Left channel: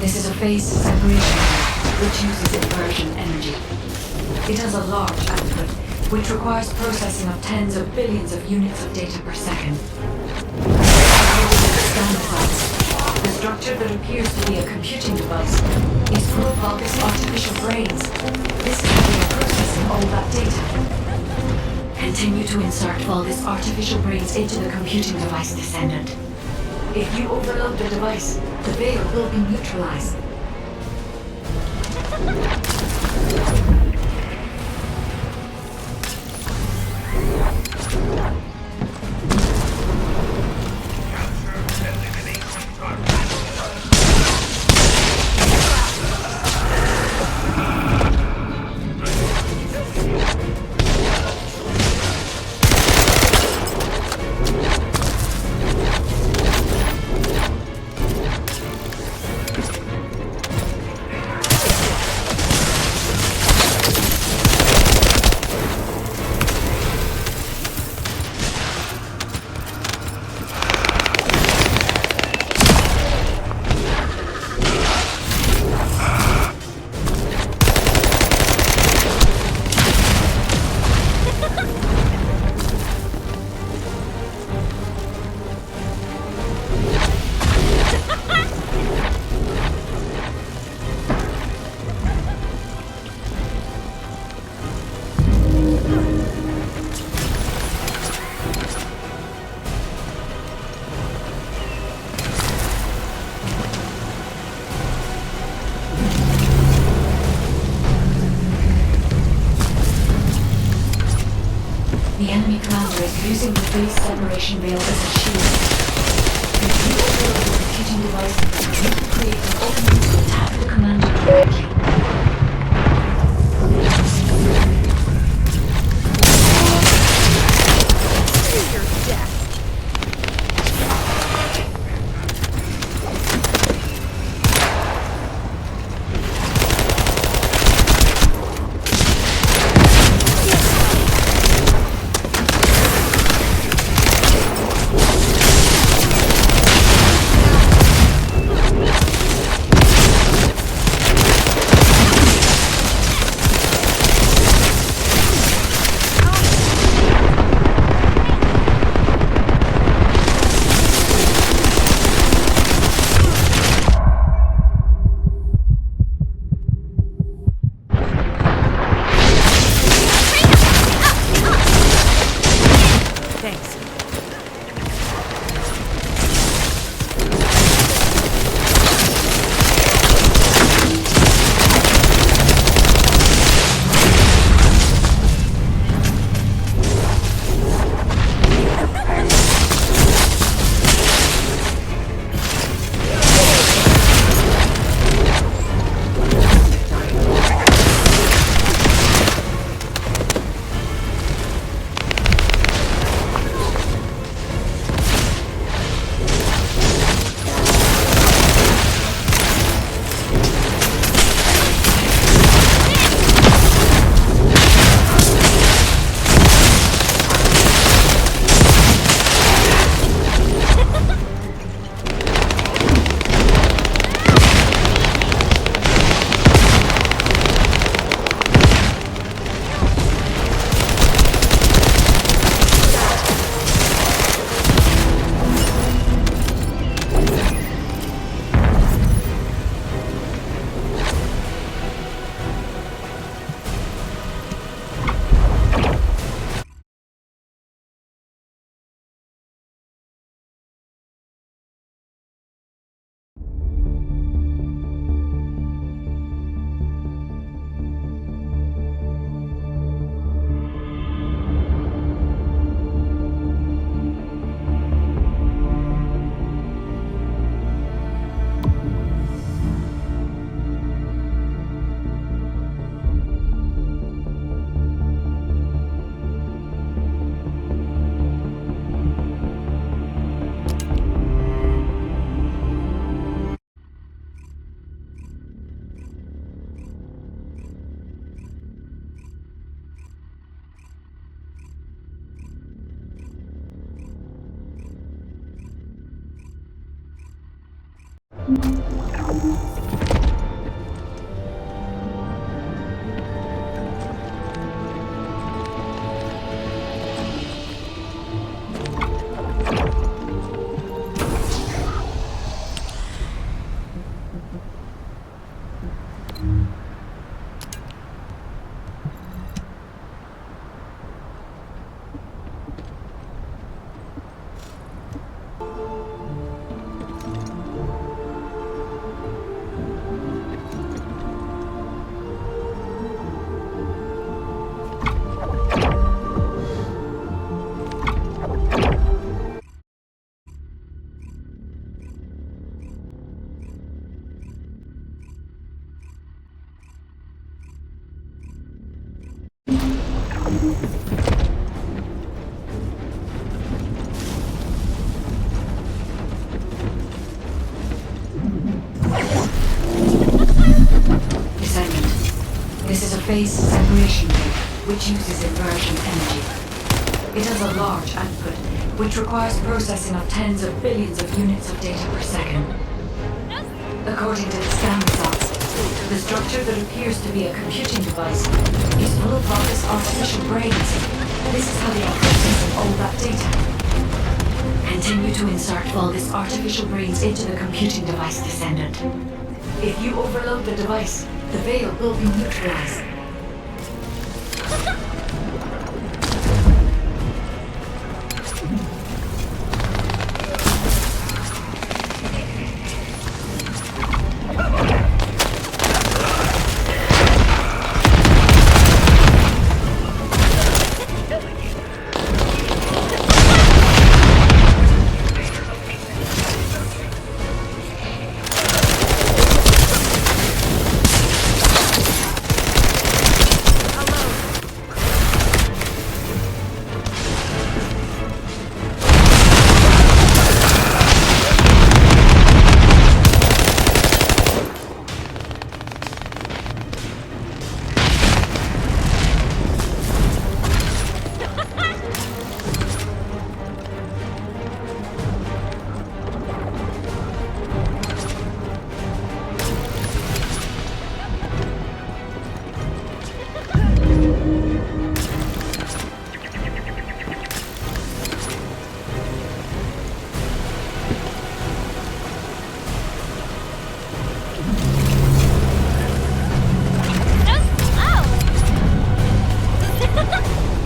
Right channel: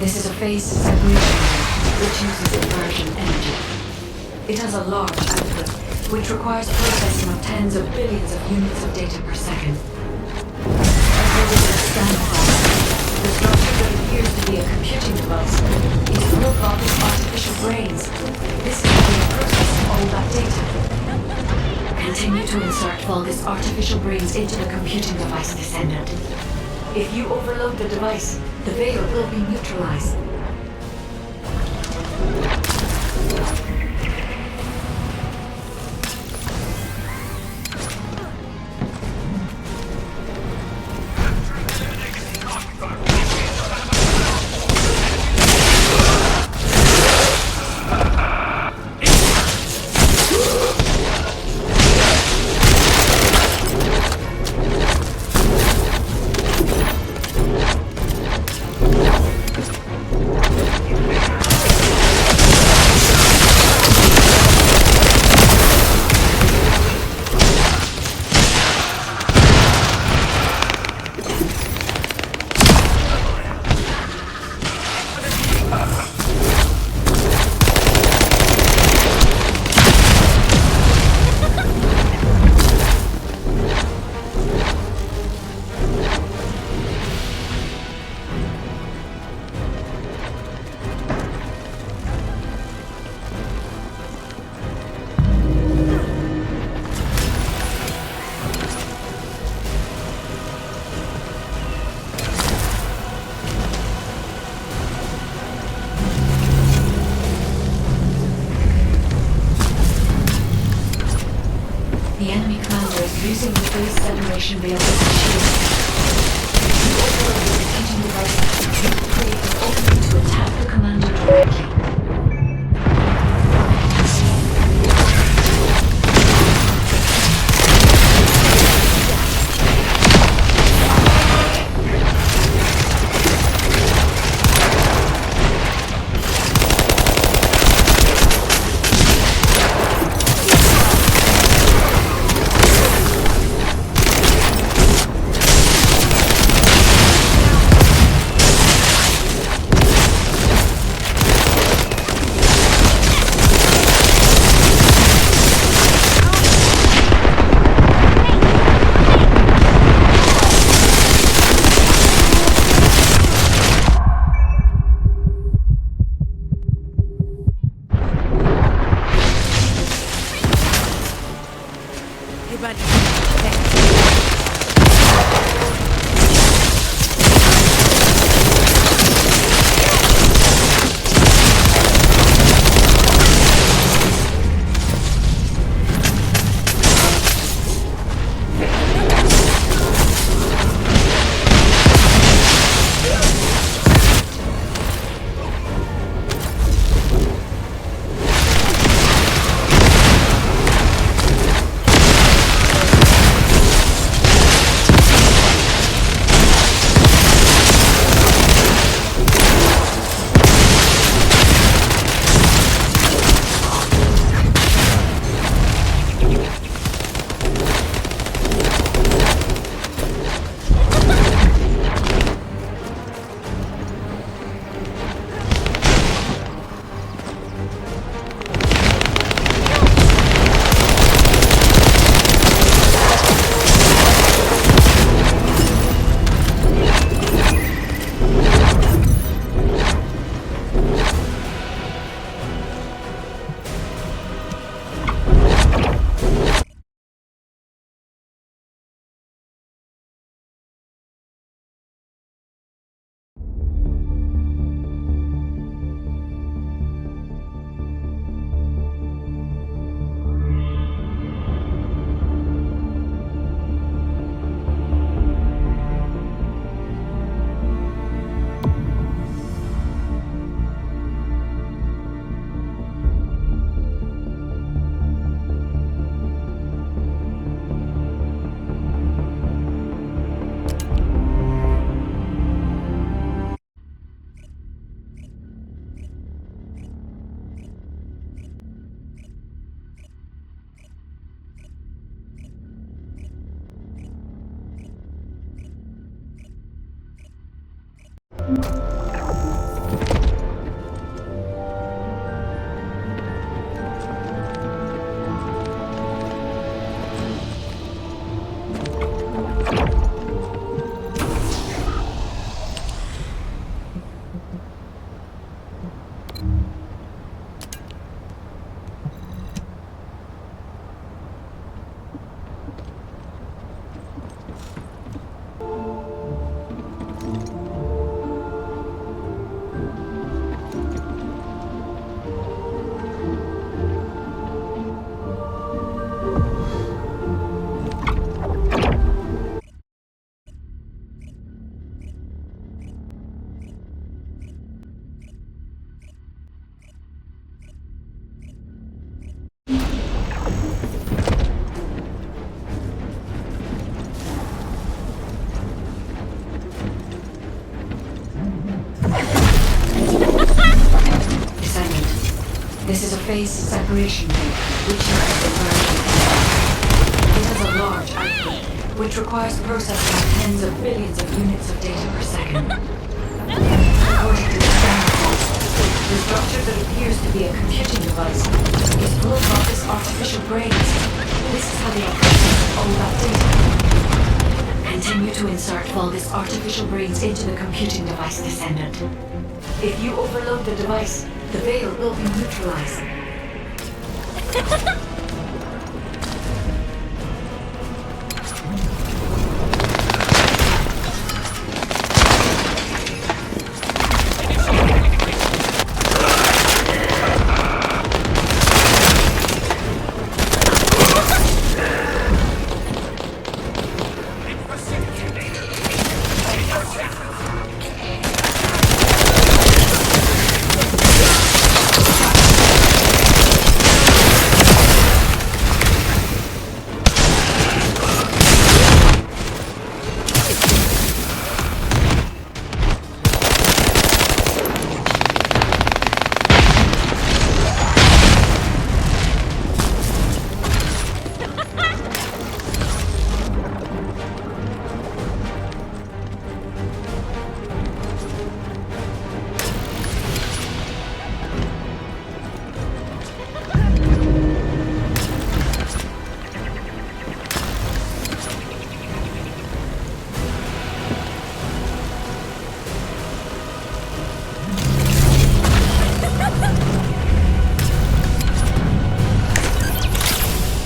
This is a phased separation mode, which uses inversion energy. It has a large output, which requires processing of tens of billions of units of data per second. Located in a scan device, the structure that appears to be a computing device is full of Vulcan's artificial brains. This is the way of processing all that data. Continue to insert Vulgus artificial brains into the computing device, Descendant. If you overload the device, the veil will be neutralized. The enemy commander is using the phase separation veil as a shield. If you overload the computing device, you can create an opening to attack the commander directly. Descendant. This is a phase separation gate, which uses inversion energy. It has a large output, which requires processing of tens of billions of units of data per second. According to the scan results, the structure that appears to be a computing device is full of Rocket's artificial brains. This is how they are processing all that data. Continue to insert Vulgus artificial brains into the computing device, Descendant. If you overload the device, the veil will be neutralized.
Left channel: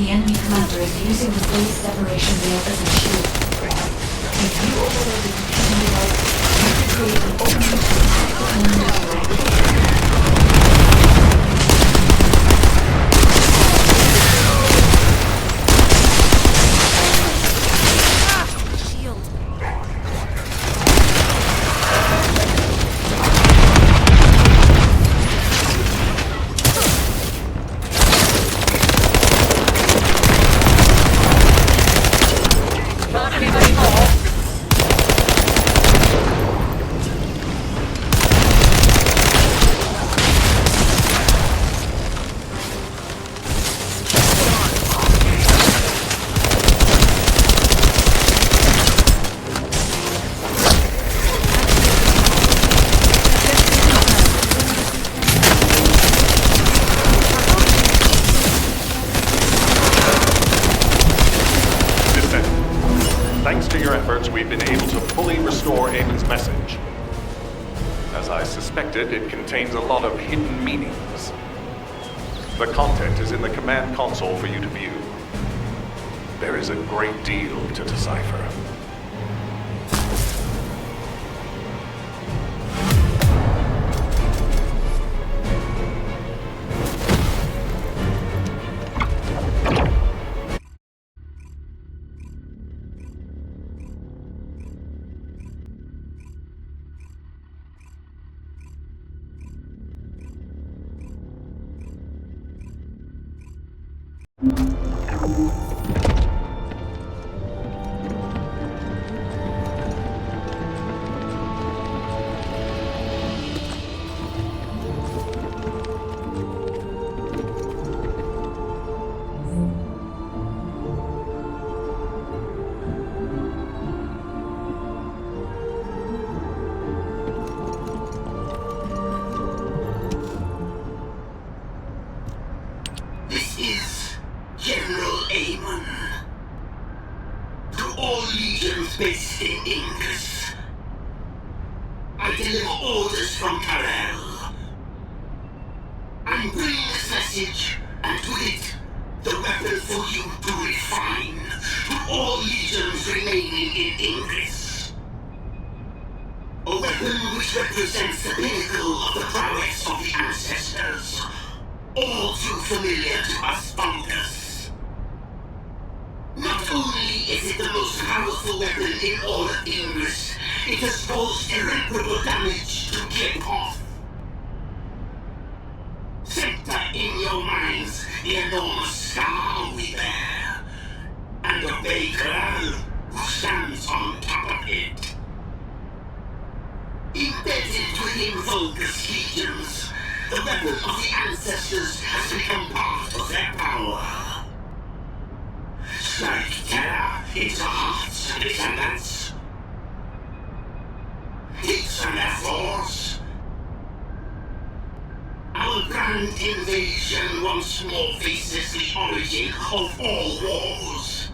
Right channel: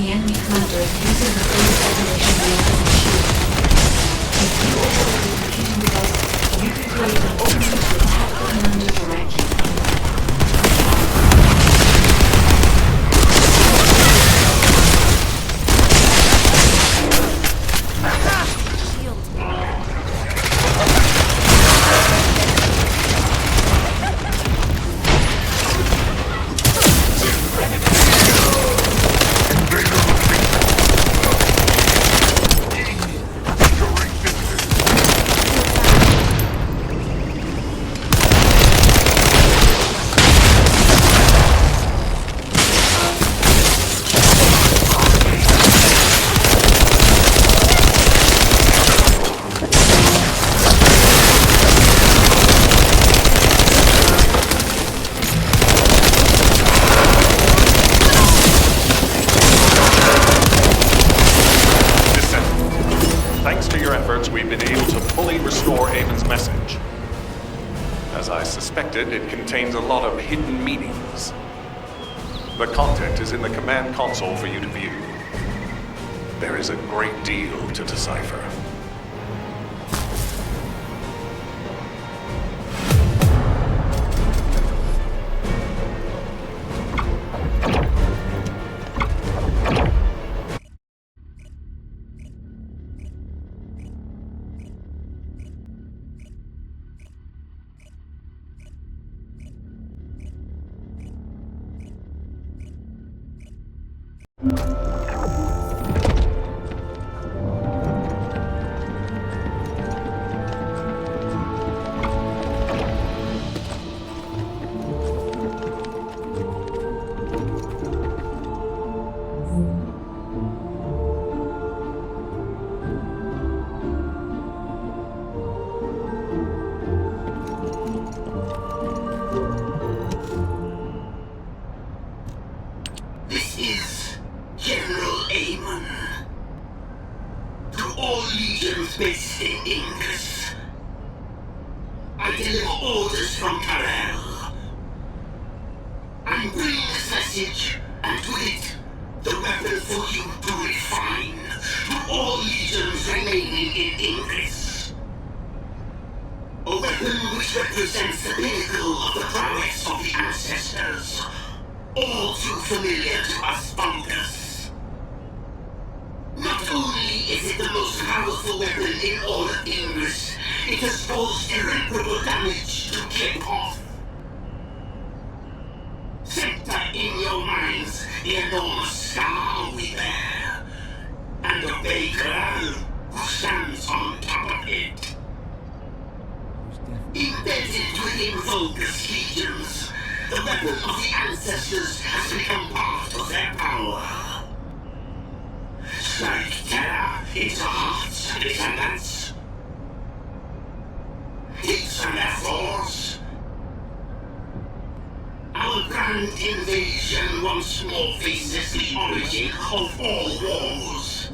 The enemy commander is using the phase separation veil as a shield. If you overload the computing device, you can create an opening to attack the commander directly. Thanks to your efforts, we've been able to fully restore Eamon's message. As I suspected, it contains a lot of hidden meanings. The content is in the command console for you to view. There is a great deal to decipher. This is General Eamon. To all legions based in Ingus, I deliver orders from Karel. I'm bringing this message, and with it, the weapon for you to refine to all legions remaining in Ingus. A weapon which represents the pinnacle of the prowess of the ancestors. All too familiar to us Funkers. Not only is it the most powerful weapon in all of Ingus, it has caused irreparable damage to Kiphoff. Center in your minds the enormous scar we bear, and obey Corral, who stands on top of it. Embedded within Vulgus legions, the weapon of the ancestors has become part of their power. Strike terror into hearts and descendants. Hits from their force. Our grand invasion once more faces the origin of all wars.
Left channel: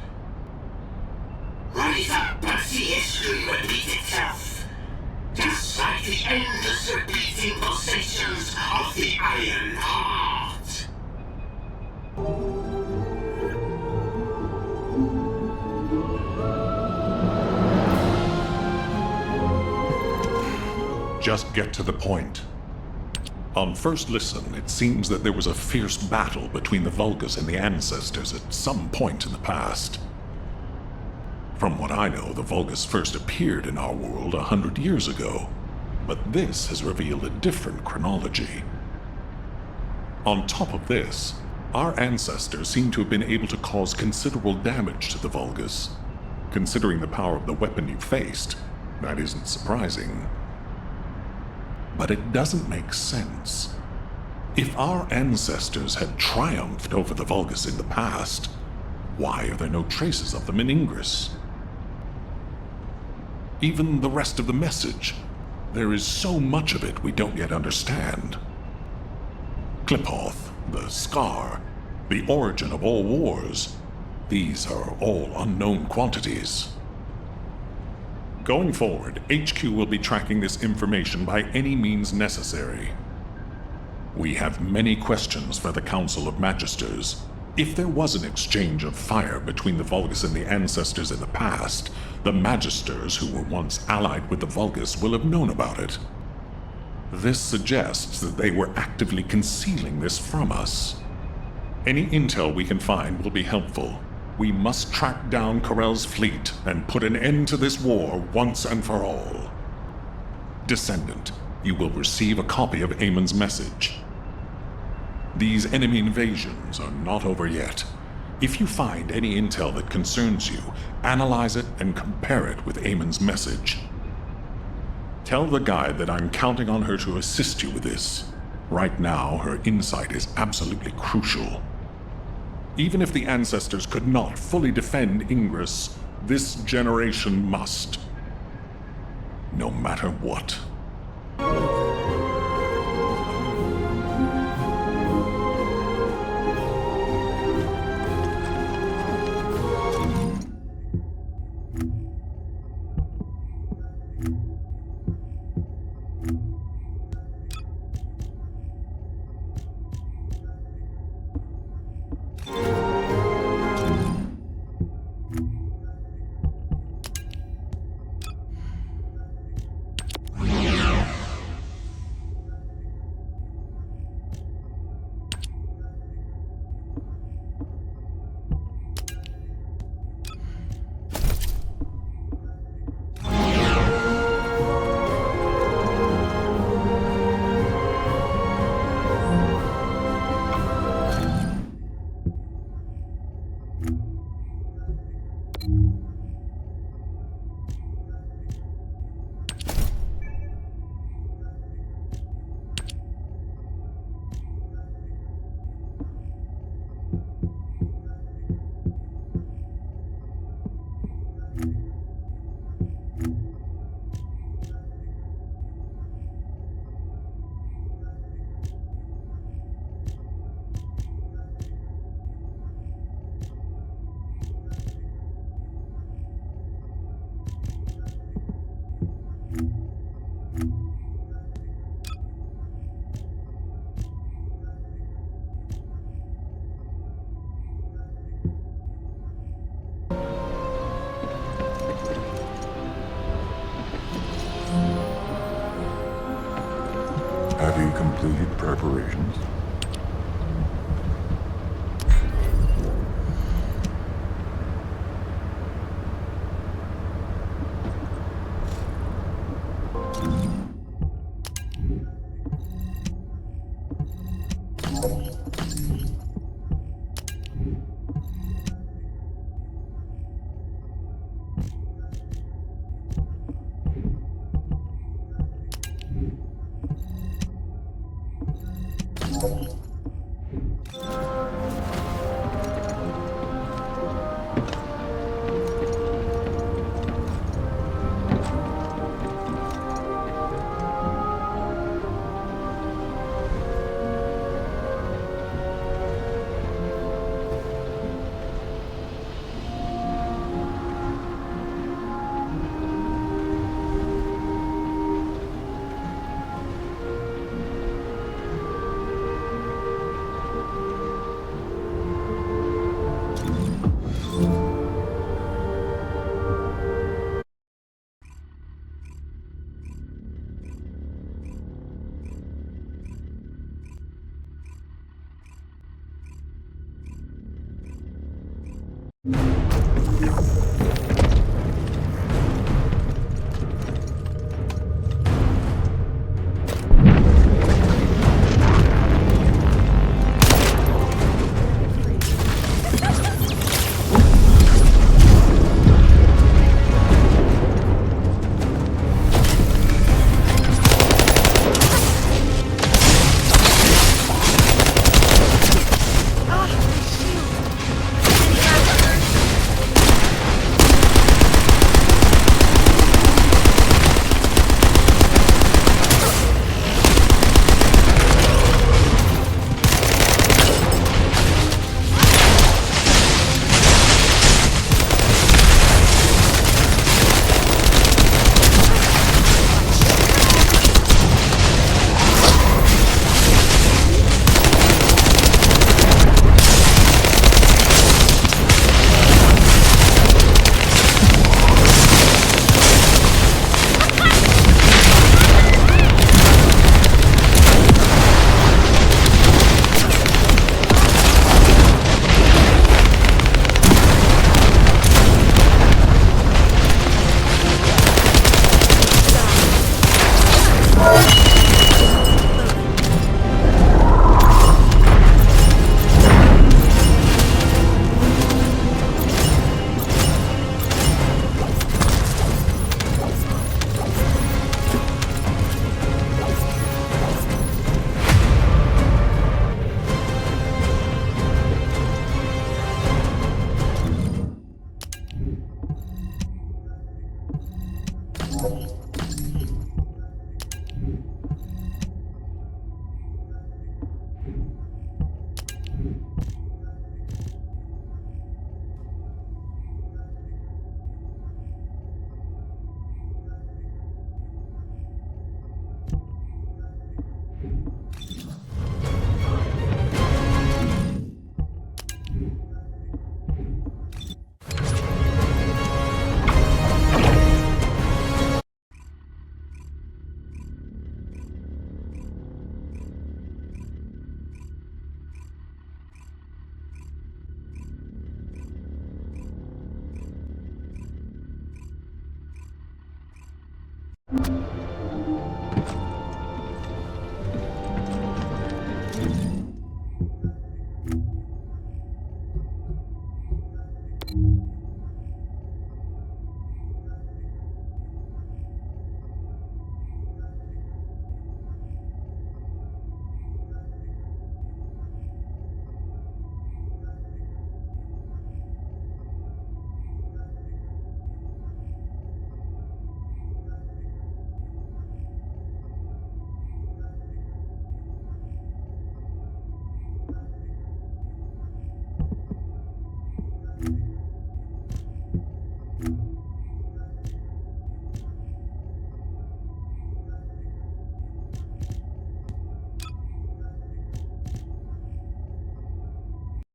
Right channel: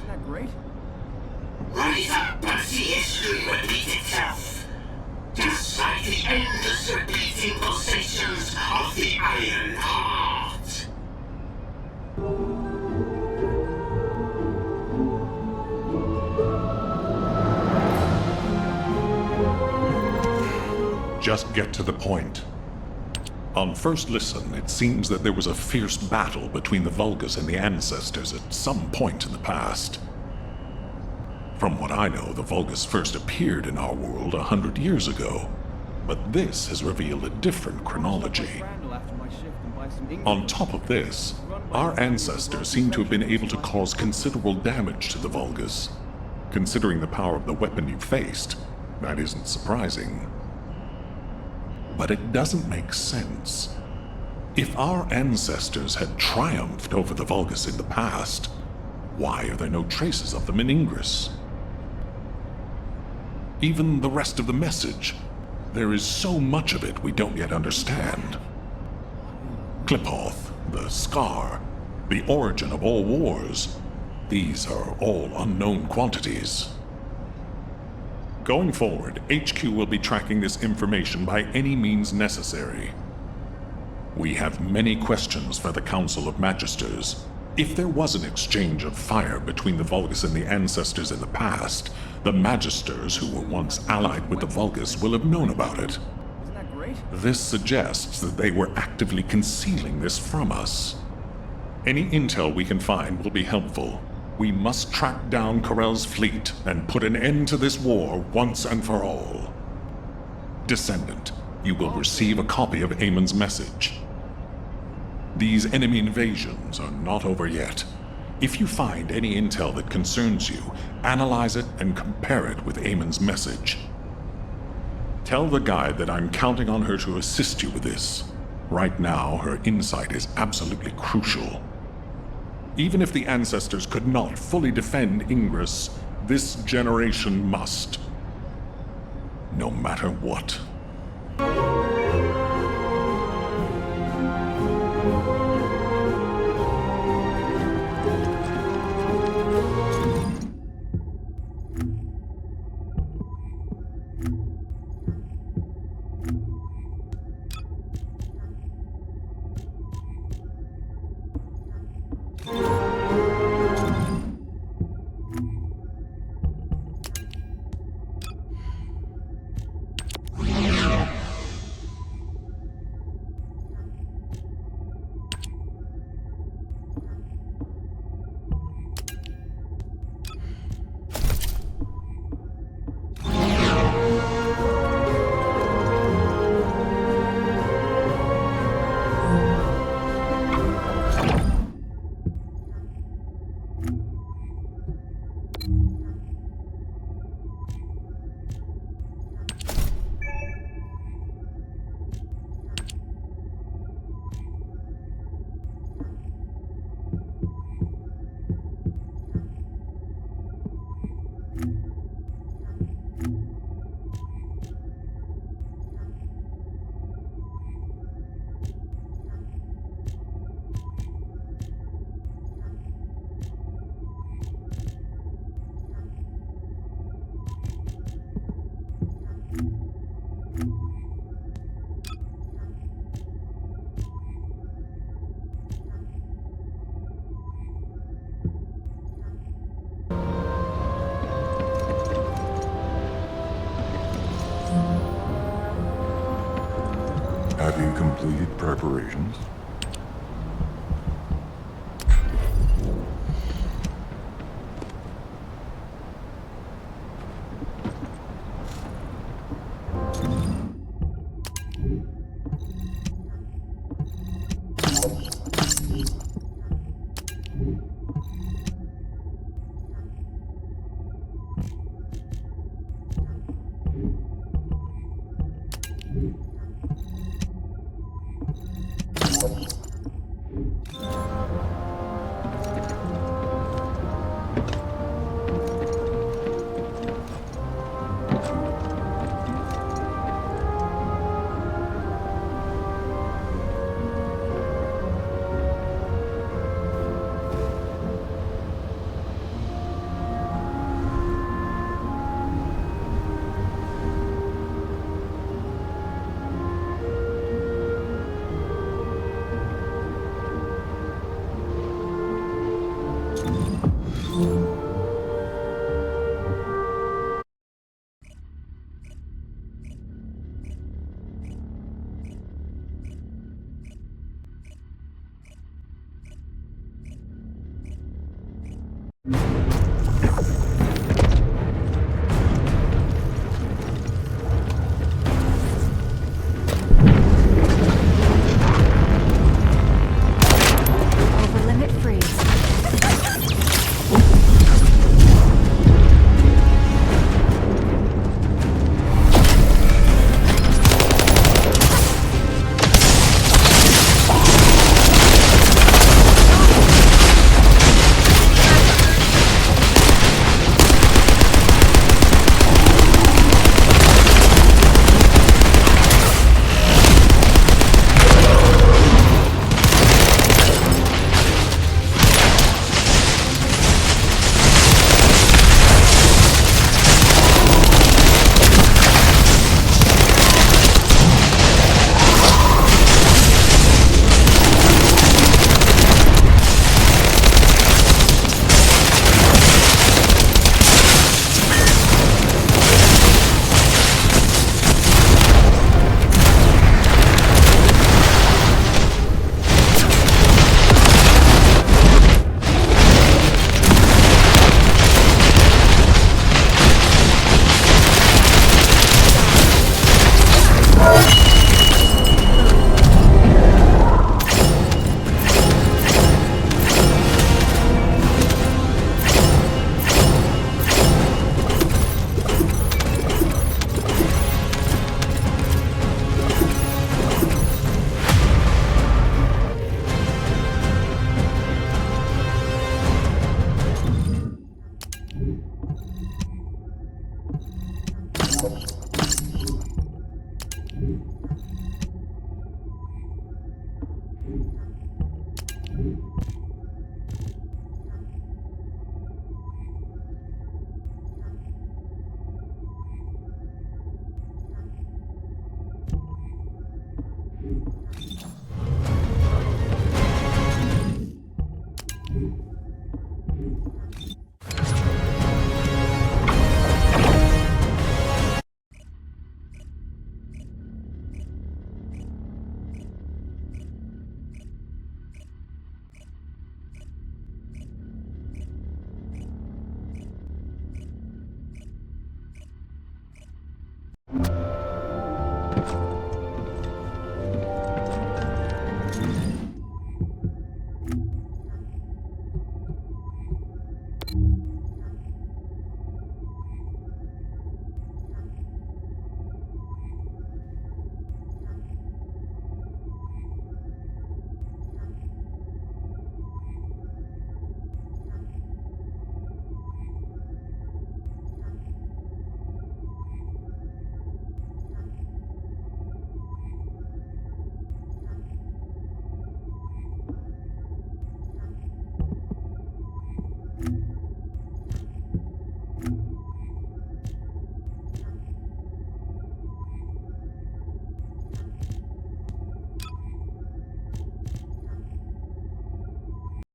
Rise up and see history repeat itself, just like the endless repeating pulsations of the Iron Heart. Just get to the point. On first listen, it seems that there was a fierce battle between the Vulgus and the Ancestors at some point in the past. From what I know, the Vulgus first appeared in our world 100 years ago, but this has revealed a different chronology. On top of this, our ancestors seem to have been able to cause considerable damage to the Vulgus. Considering the power of the weapon you faced, that isn't surprising. But it doesn't make sense. If our ancestors had triumphed over the Vulgus in the past, why are there no traces of them in Ingress? Even the rest of the message, there is so much of it we don't yet understand. Clipoth, the Scar, the origin of all wars, these are all unknown quantities. Going forward, HQ will be tracking this information by any means necessary. We have many questions for the Council of Magisters. If there was an exchange of fire between the Vulgus and the Ancestors in the past, the Magisters who were once allied with the Vulgus will have known about it. This suggests that they were actively concealing this from us. Any intel we can find will be helpful. We must track down Corell's fleet and put an end to this war once and for all. Descendant, you will receive a copy of Amon's message. These enemy invasions are not over yet. If you find any intel that concerns you, analyze it and compare it with Amon's message. Tell the guide that I'm counting on her to assist you with this. Right now, her insight is absolutely crucial. Even if the Ancestors could not fully defend Ingress, this generation must. No matter what. Have you completed preparations?